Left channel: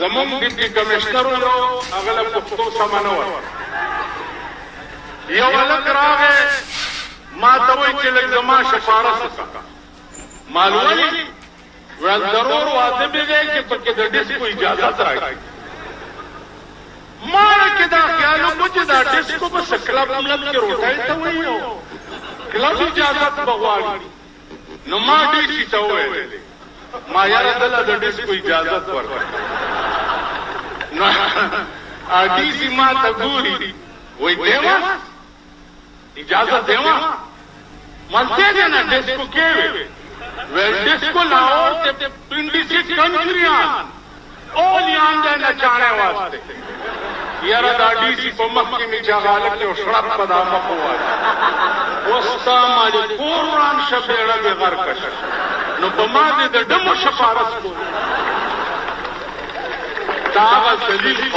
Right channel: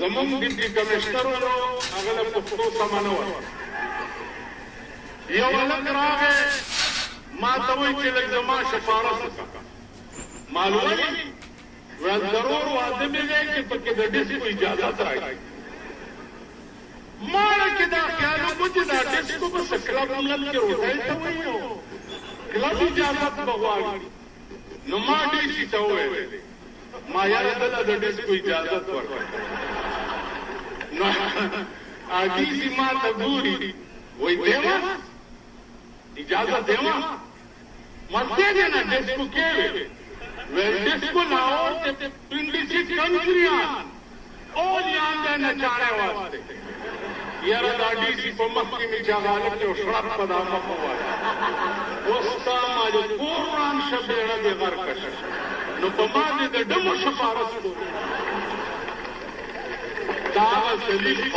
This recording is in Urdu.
زمون ډیپټي کمشنر ولو هغه له پښتو سمانه و یو هلک راغی ما ته وایي چې لږ زما شفارس وکړه معلومه وي ویل ضرور واده مې دی چې پکې د ډسکو اجازت راکړي ما کې دا خیال وکړو چې دا ډسکو به څه کلب کې روټۍ ته وایي کلب اجازت به غواړي نو ما ډي سي ته وویل ما یاره دله د ډسکو اجازت ورکړه نو ډي سي ما ته ګوري وایي دیوا اجازت دیوا ملتے گا نا ڈسکو کے ڈسکو لاہور پنڈی سی کنٹریاں all یہاں دے نچانے واسطے یارا دا ڈی سی پا مخی نیچا غالب کے شرط پدا مخوا وستا مالی قرآن شبیڑا بے غرکش نو پا مالی دا دم شفارس کو تاغا زلیل